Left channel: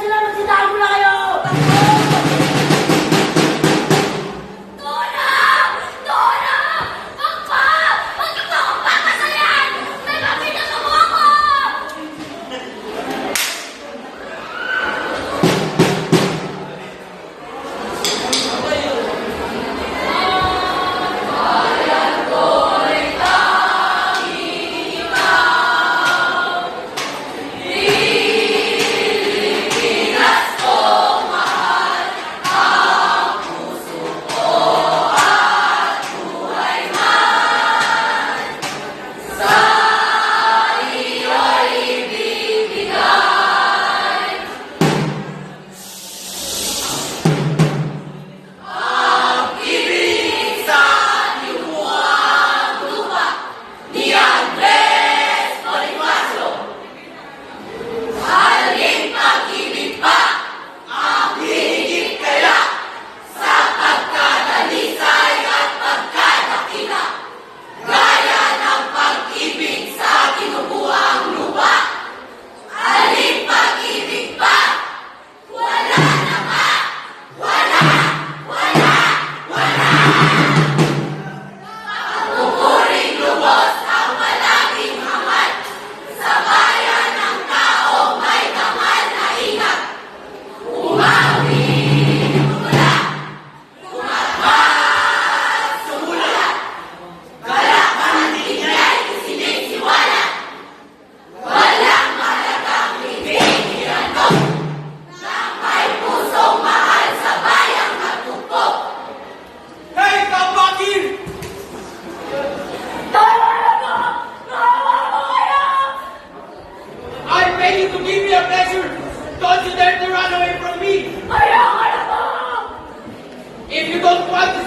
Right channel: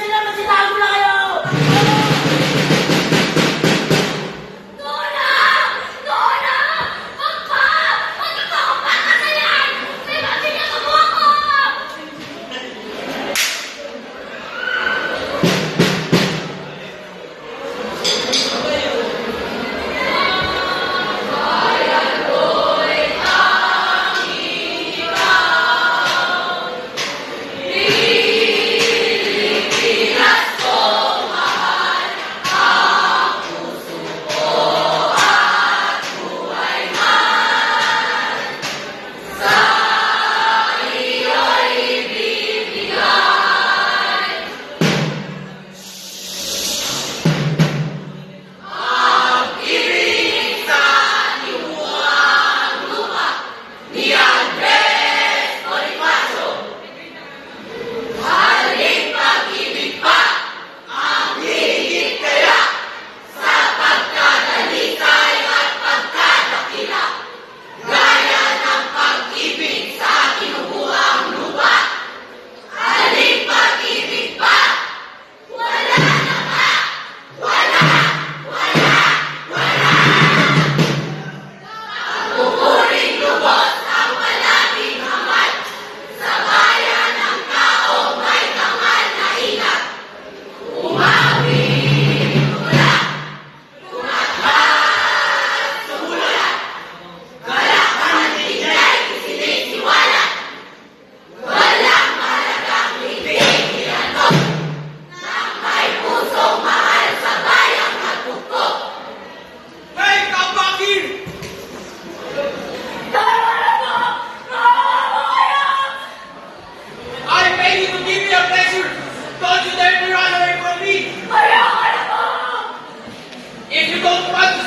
sila, magkitago na kayo. Don't you dare run away from me! If you don't want to